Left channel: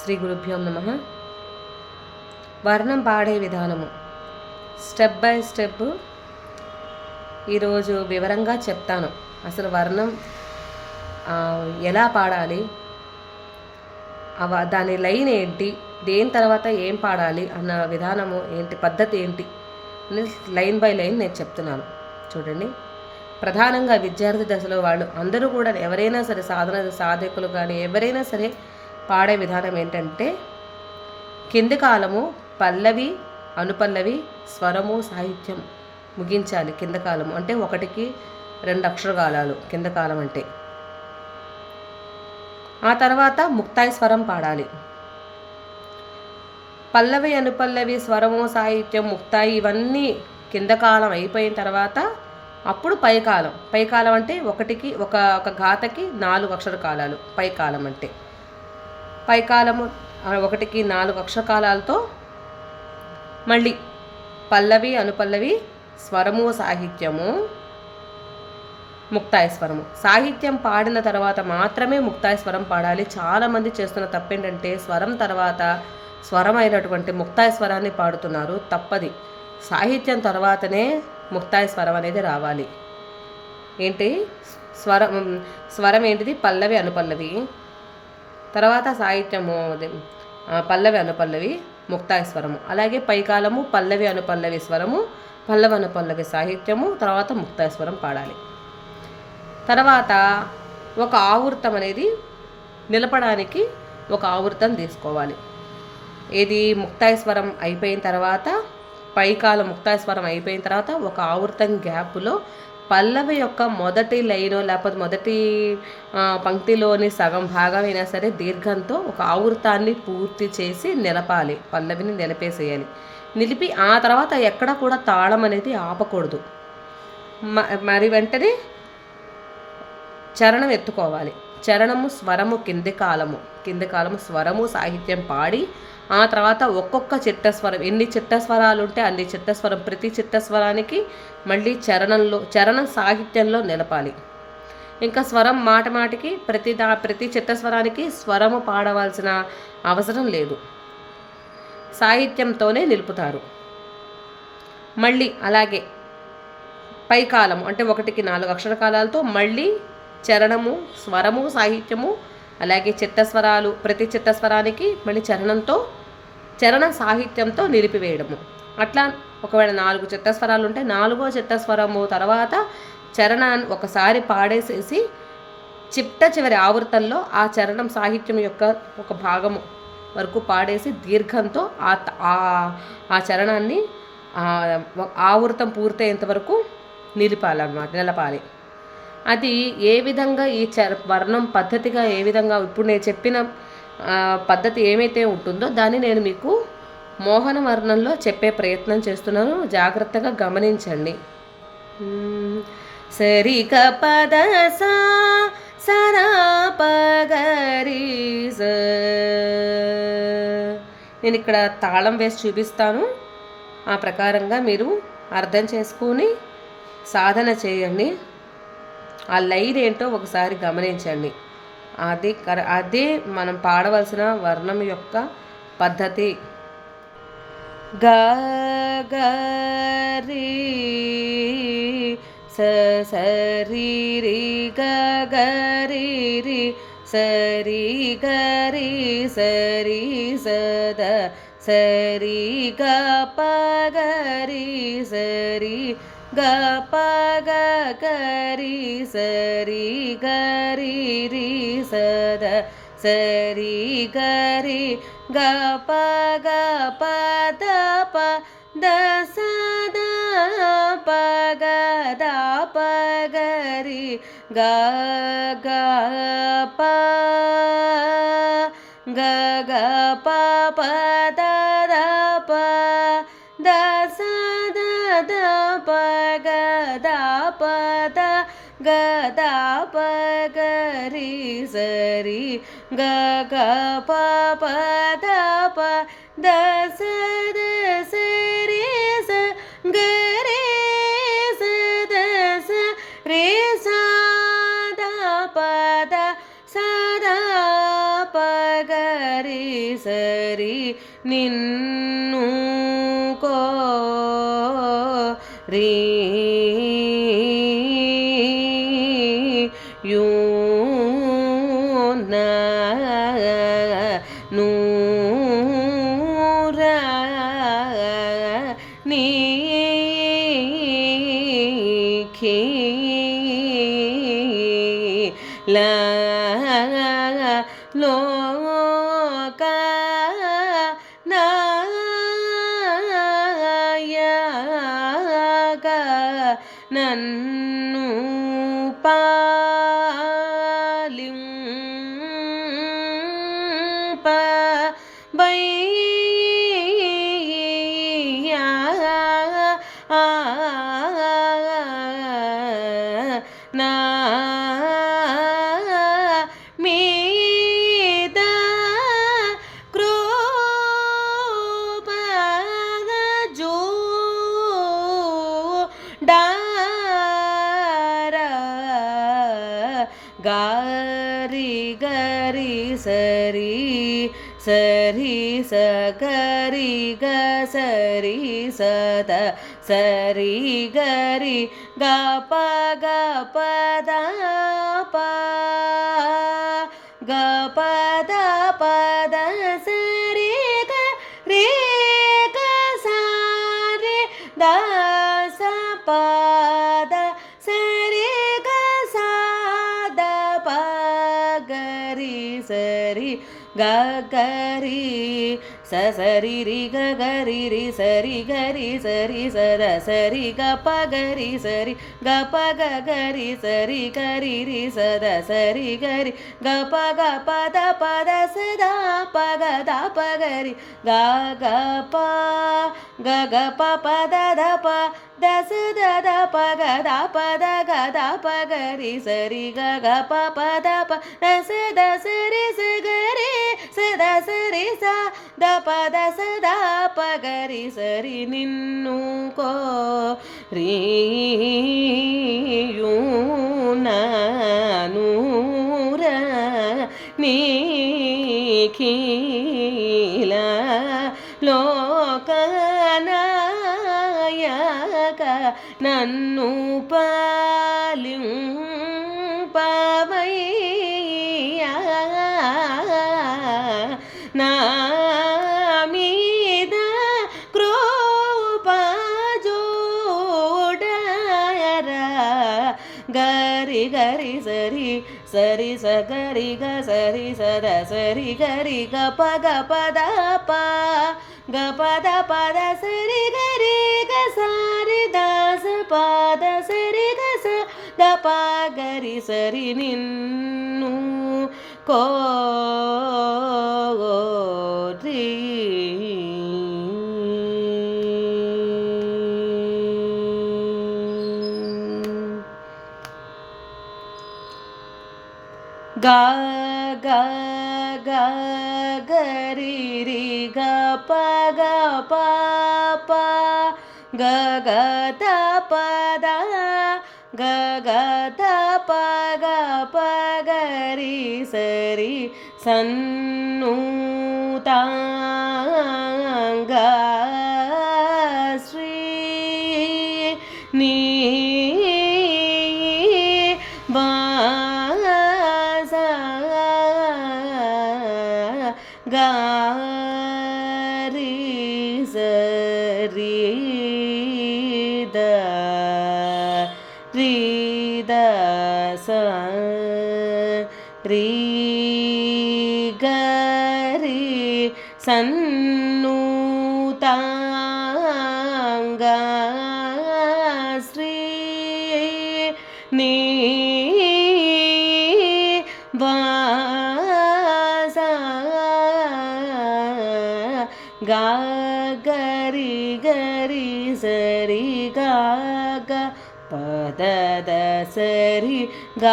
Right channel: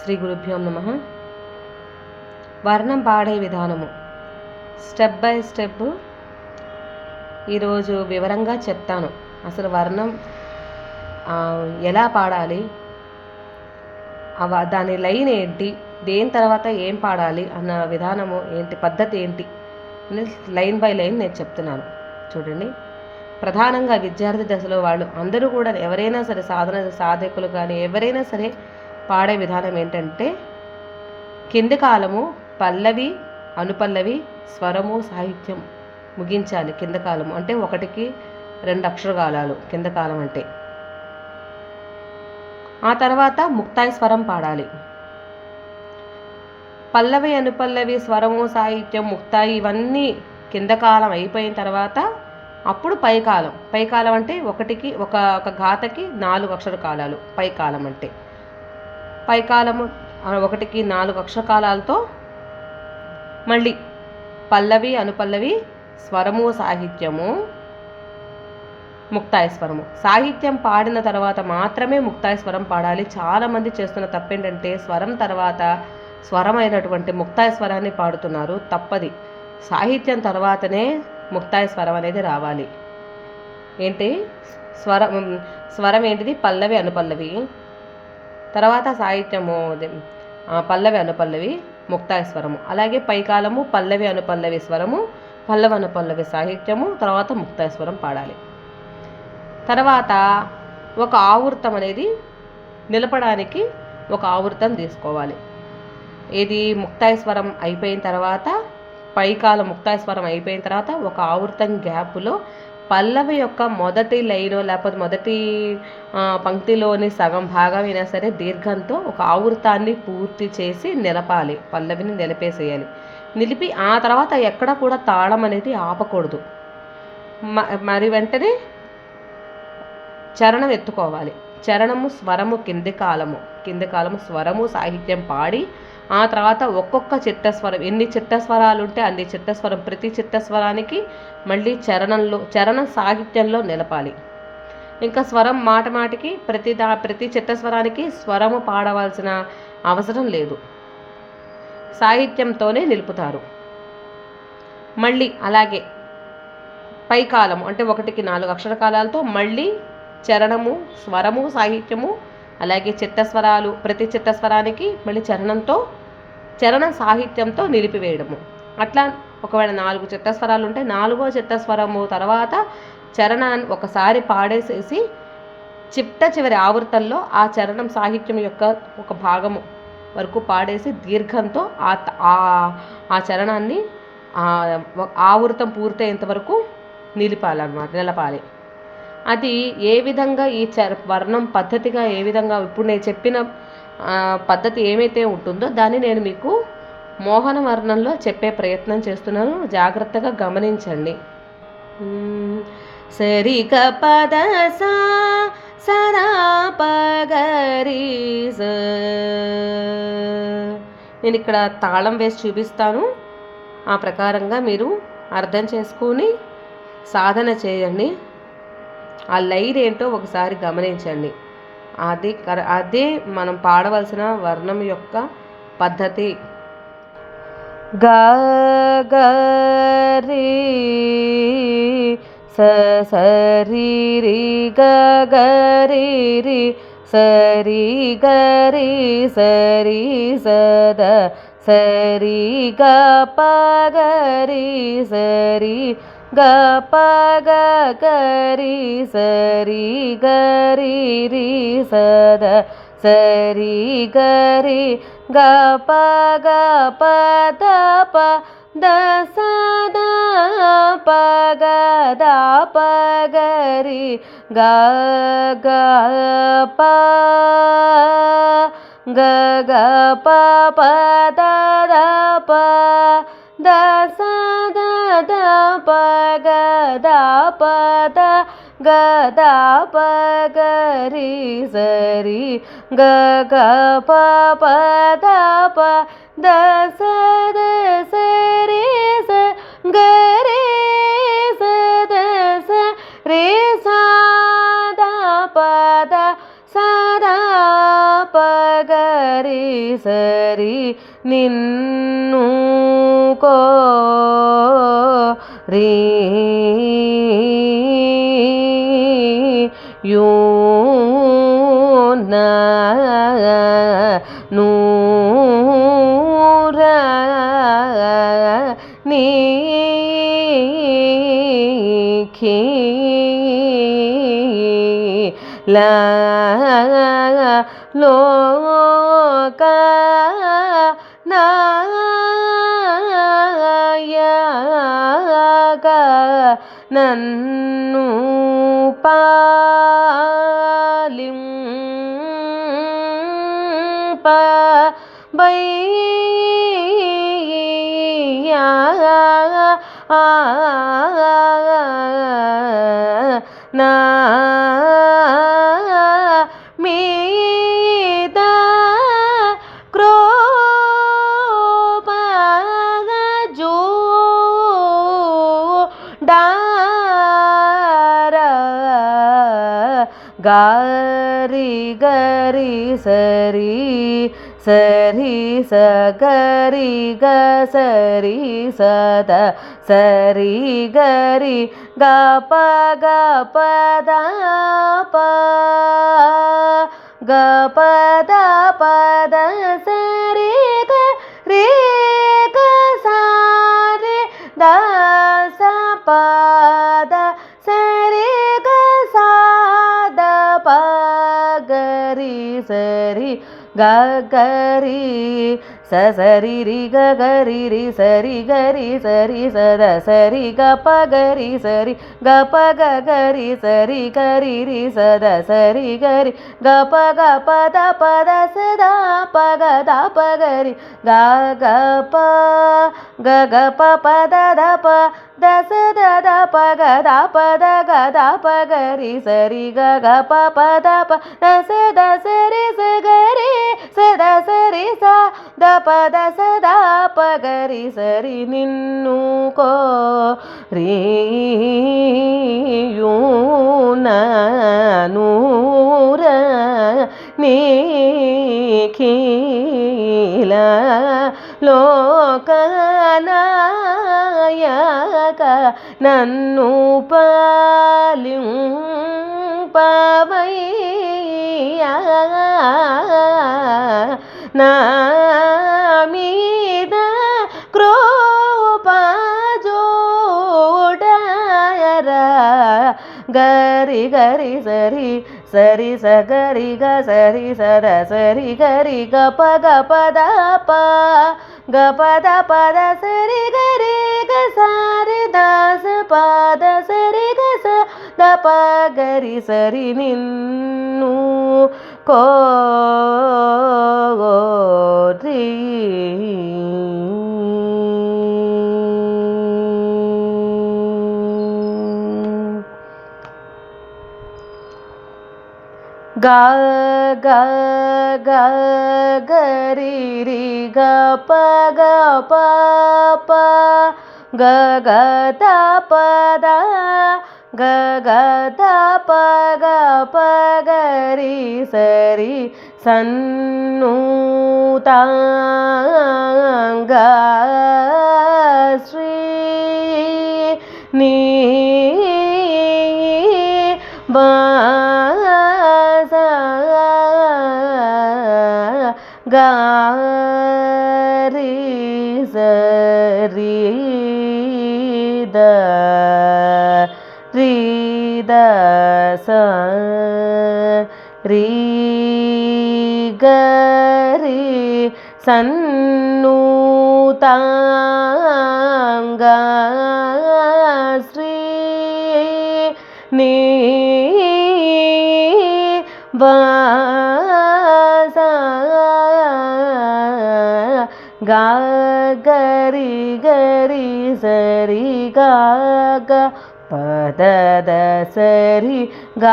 శ్రీ గురుభ్యో నమః. వర్ణం పాడే విధానము స్టెప్ బై స్టెప్ ఈరోజు వివరంగా చెప్తాను. అసలు వర్ణం ఎలా పాడాలి, దాని లైన్ ఏంటి, దేని తర్వాత ఏం పాడాలి అన్న విధానము ఏంటి, పద్ధతి ఏంటి అని లైన్ బై లైన్ నేను చెప్తున్నాను. చూడండి, ప్రధానంగా విద్యార్థి దశలో వాళ్ళు అందరూ కూడా ఎవరైనా సరే సాధకులు కానీ ఎవరైనా సరే పాడే విధానం ఏంటంటే కింది కాలము పల్లవి అనుపల్లవి స్వరము సాహిత్యం ముగించాలి. కింద కాలము అంటే 1కి 2 అక్షరగాలాలు కింద కాలం అంటే. ఆ తర్వాత ముక్తాయి స్వరం పాడాలి. పల్లవి అనుపల్లవి స్వరము సాహిత్యం ముక్తాయి ఇవన్నీ కింద కాలం అయిపోయిన తర్వాత అప్పుడు పైకాలం అంటే 1కి ఒక ఘాతకి 4 అక్షరకాలాలు పైకాలం అంటే. పైకాలము 1కి 4 అక్షరకాలాలతో మళ్ళీ పల్లవి అనుపల్లవి స్వరము సాహిత్యము ముక్తాయి స్వరము. సాహిత్యం పాడిన తర్వాత మాత్రమే ముక్తాయి స్వరం పాడాలి. చాలామంది చేస్తున్న తప్పేంటంటే స్వరం తర్వాత స్వరం అయినటువంటి ముక్తాయి స్వరాన్ని పాడుతున్నారు. తప్పది. సాహిత్యం తర్వాతనే ముక్తాయి స్వరం అనేది రావాలి. ఏంటి స్వరం ఏంటిది? పల్లవి అనుపల్లవి, తర్వాత సాహిత్యము పల్లవి అనుపల్లవి ముక్తాయి స్వరము. అలాగే పైకాలము పల్లవి అనుపల్లవి స్వరము, పల్లవి అనుపల్లవి సాహిత్యము, తర్వాత ముక్తాయి స్వరం పాడాలి. తర్వాత ఒక ఆవృతం అనేది నిలపడానికి ఒక ఆవృతం తీసుకోవాలి. ఇది ముక్తాయి స్వరం అయిపోయిన తర్వాత, పైకాల ముక్తాయి స్వరం అయిపోయిన తర్వాత ఒక ఆవృతం గ్యాప్లో పల్లవి యొక్క మొదటి లైను లేకపోతే మొదటి పంక్తిలోని సగం భాగం అయినా సరే దీర్ఘంతో ఒక ఆవృతాన్ని పూర్తి చేసి నిలపాలి. పల్లవిని నిలిపేసేయాలి. నిలిపి ఆ తర్వాత ఎక్కడ కూడా తాళం అనేది ఆపకూడదు. మరి వెంటనే చరణం ఎత్తుకోవాలి. చరణము స్వరము కింది కాలము స్వరము సాహిత్యం పాడి ఆ తర్వాత ఒక్కొక్క చిట్టస్వరం, ఎన్ని చిట్టస్వరాలు ఉంటే అన్ని చిట్టస్వరం, ప్రతి చిట్టస్వరానికి మళ్ళీ చరణం సాహిత్యంలో నిలపాలి. ఇంకా స్వరం మాటికి ప్రతి చిట్టస్వరానికి స్వరము పాడవలసిన అవసరం లేదు, సాహిత్యంతోనే నిలుపుతారు. మళ్ళీ అలాగే పైకాలము అంటే 1కి 4 అక్షరకాలాలతో మళ్ళీ చరణము స్వరము సాహిత్యము అలాగే చిట్టస్వరాలు, ప్రతి చిట్టస్వరానికి మళ్ళీ చరణం సాహిత్యంతో నిలిపివేయడము. అట్లా ఒకవేళ 4 చిట్టస్వరాలు ఉంటే 4వ చిట్టస్వరము తర్వాత చరణాన్ని ఒకసారి పాడేసేసి చివరి ఆవృతంలో ఆ చరణం సాహిత్యం యొక్క ఒక భాగము వరకు పాడేసి దీర్ఘంతో ఆ చరణాన్ని ఆవృతం పూర్తయ్యేంత వరకు నిలపాలి. అది ఏ విధంగా ఈ వర్ణం పద్ధతిగా ఏ విధంగా ఇప్పుడు నేను చెప్పిన పద్ధతి ఏమైతే ఉంటుందో దాన్ని నేను మీకు మోహన వర్ణంలో చెప్పే ప్రయత్నం చేస్తున్నాను. జాగ్రత్తగా గమనించండి. సరిగ పద సరా పగరి. నేను ఇక్కడ తాళం వేసి చూపిస్తాను. ఆ ప్రకారంగా మీరు అర్థం చేసుకొని సాధన చేయండి. ఆ లైన్ ఏంటో ఒకసారి గమనించండి. అదే మనం పాడవలసిన వర్ణం యొక్క పద్ధతి. గ గ రి సరి రి గ గ రి రి సరి గ రి సరి సద సరి గ ప గ రి సరి గ ప గ గ రి సరి గ రి రి సద సరి గ రి గ ప గ ప ద ప ద స ద ప గ ద ప గ రి గ గ ప గ గ ప ప ద ద ప ద స ద ద ప గ ద ప ద గ ద ప గ రి సరి గ గ ప ప ద ప ద స ద స రి స గ రి స ద స రి స ద ప ద స ద ప గ గరి సరి నిన్ను కో రీ యూ నా నూర నీ ఖీ లా లోక నాయక నన్ను పాలింప బయ్యా నా మీద కృపగ చూడార గారి గరి సరి సరి స గరి గ సరి సద సరి గరి గ ప గ ప ద ప గ ప ద ప ద సరి గ రే గ సా రే ద స ప ద సరి గ సా ద ప గరి సరి ಗ ಗರಿ ಸ ಸರಿ ರಿ ಗ ಗರಿ ರಿ ಸರಿ ಗರಿ ಸರಿ ಸದ ಸರಿ ಗ ಪ ಗರಿ ಸರಿ ಗ ಪ ಗ ಗರಿ ಸರಿ ಗರಿ ರಿ ಸದ ಸರಿ ಗರಿ ಗ ಪ ದ ಸದ ಪ ಗ ದ ಪ ಗರಿ ಗ ಗ ಪ ಗ ಗ ಪ ಪ ದ ಪ ದ ಸ ದ ದ ಪ ಗ ದ ಪ ದ ಗ ದ ಪ ಗರಿ ಸರಿ ಗ ಗ ಪ ಪ ದ ಪ ದ ಸ ದ ಸರಿ ಸ ಗರಿ ಸದ ಸರಿ ಸ ದ ಪ ದ ಸ ದ ಪ ಗರಿ ಸರಿ ನಿನ್ನು ಕೋ ರೀ ಯೂ ನೂರ ನೀ ಖೀಲ లోకనాయక నన్ను పాలింపవయ్యా నా మీద కృప చూడరా గరి గరి సరి సరి స గరి గ సరి సద సరి గరి గ ప ద ప గ ప ద సరి గరి గ సారి ద స ప ద సరి గ స ద ప గరి సరి నిన్ను కోరి ಗ ಗ ಗ ಗರಿ ರಿ ಗ ಪ ಗ ಪ ಪ ಗ ಗ ದ ಪ ದ ಗ ಗ ದ ಪ ಗ ಪ ಗರಿ ಸರಿ ಸನ್ನೂತಾಂಗ ಶ್ರೀ ನೀ ಗಾರಿ ಸರಿ ದ ರೀ ದ ಸ ರೀ ಗರಿ ಸನ್ನೂತಾಂಗ ಶ್ರೀ ನೀ ವಾಸ ಗ ಗರಿ ಗರಿ ಸರಿ ಗ ಗ ಪದದ ಸರಿ ಗ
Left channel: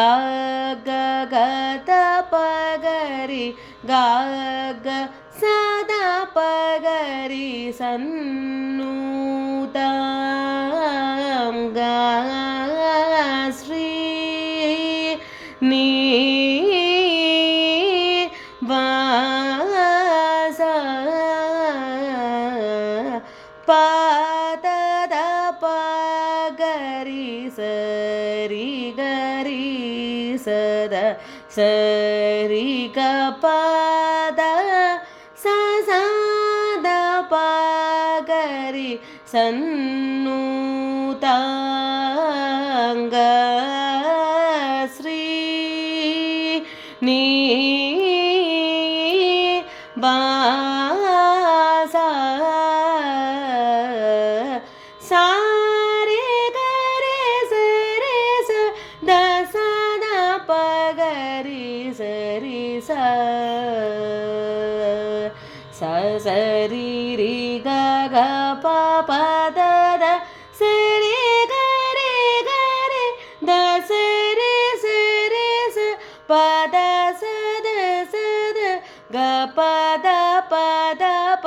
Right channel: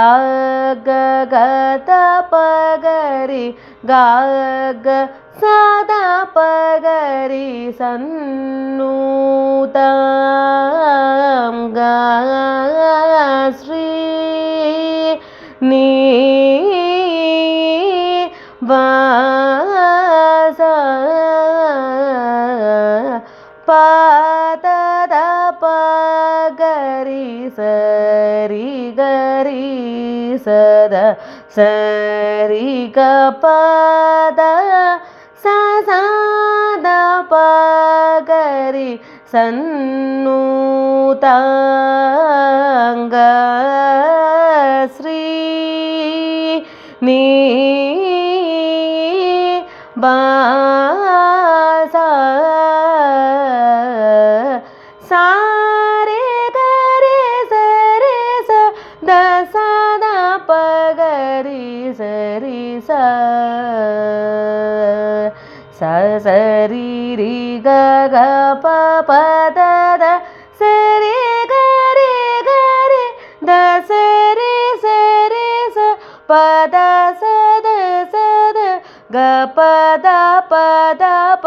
ಗ ಗ ದ ಪ ಗರಿ ಗ ಗ ಸದ ಪ ಗರಿ ಸನ್ನೂತಾಂಗ ಶ್ರೀ ನೀ ವಾ సరి గరి సద సరి గ పద సద పగరి సన్నుతాంగ శ్రీ నీ బాస సారే గరి సరి స ద సద పగరి సరి స సరి రి గ గ ప ప ద ద సరి గరి గరి ద సరి సరి స ప ద సద సద గ ప ద ప ద ప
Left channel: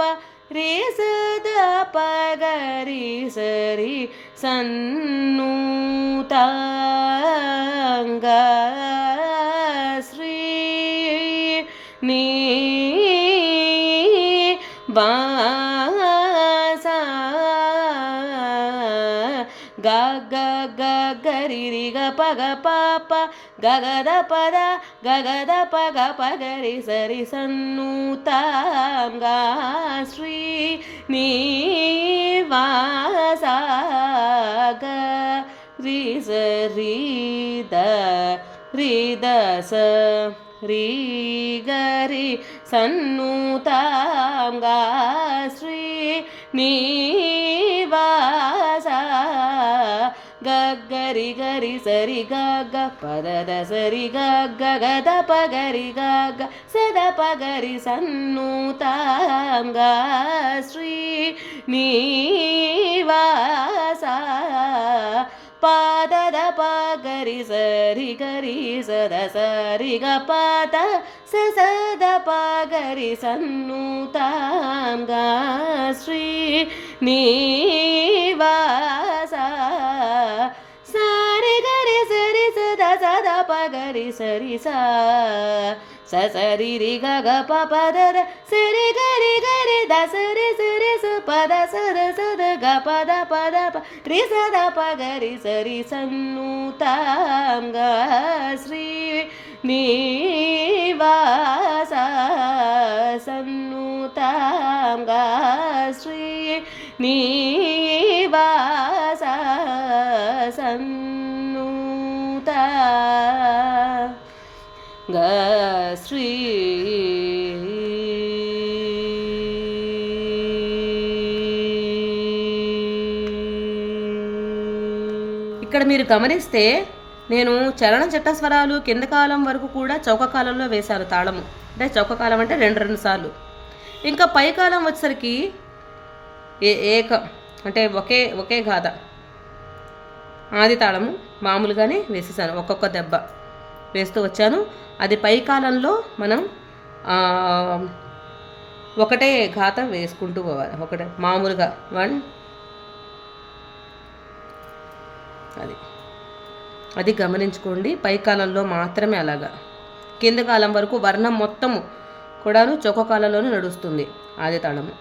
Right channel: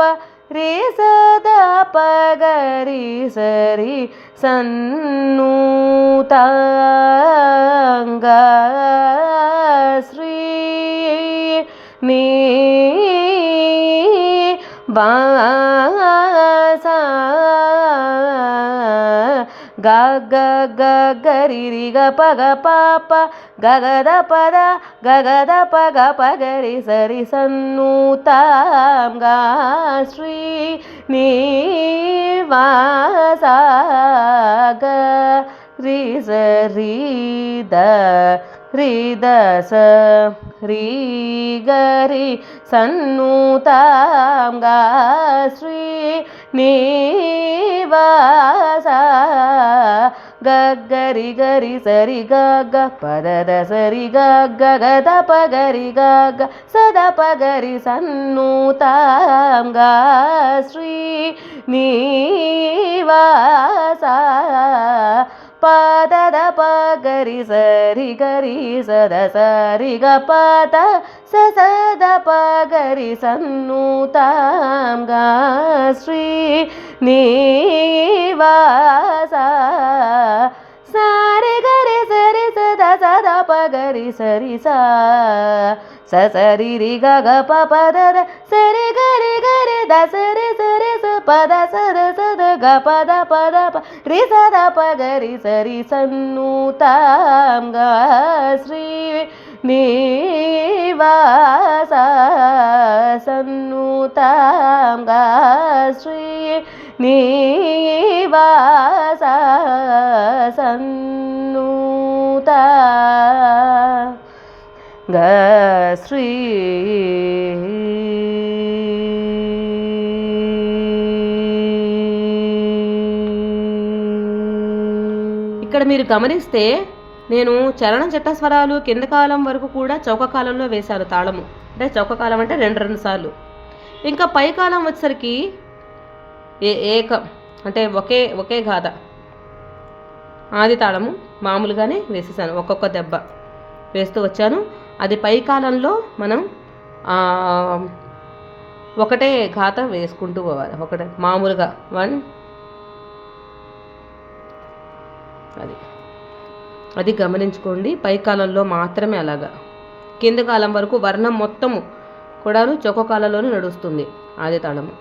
రి సద ప గరి సరి సన్నుతాంగ శ్రీ నీ బాస గ గ గ గరి రి గ ప గ ప ప గ గ ద ప ద గ గ ద ప గ ప గరి సరి సన్నుతాంగ శ్రీ నీ వాస గ రి సరి ద రి ద స రి గరి సన్నుతాంగ శ్రీ నీ వాస గ గరి గరి సరి గ గ పద ద సరి గ గ గ ద ప గరి గ గ సద ప గరి సన్నుతాంగ శ్రీ నీ వాస పద ద ప గరి సరి గరి సద సరి గ పద స సద ప గరి సన్నుతాంగ శ్రీ నీ వాస సారి గరి సరి సద సద ప గరి సరి స సరి రి గ గ ప ప ద ద సరి గరి గరి ద సరి సరి స ప ద సద సద గ ప ద ప ద ప రి సద ప గరి సరి సన్నుతాంగ శ్రీ నీ వాస సన్నుతాంగ శ్రీ నీ వాస సన్నుతా గ శ్రీ ఇక్కడ మీరు గమనిస్తే నేను చలన చట్టస్వరాలు కింద కాలం వరకు కూడా చౌక కాలంలో వేశాను తాళము. అంటే చౌక కాలం అంటే రెండు సార్లు. ఇంకా పై కాలం వచ్చేసరికి ఏక అంటే ఒకే గాథ ఆది తాళము మామూలుగానే వేసేసాను. ఒక్కొక్క దెబ్బ వేస్తూ వచ్చాను. అది పై కాలంలో మనం ఒకటే గాథ వేసుకుంటూ పోవాలి. ఒకటే మామూలుగా 1 అది గమనించుకోండి. పై కాలంలో మాత్రమే అలాగా. కింద కాలం వరకు వర్ణం మొత్తము కూడాను చౌక కాలంలోనే నడుస్తుంది ఆది తాళము.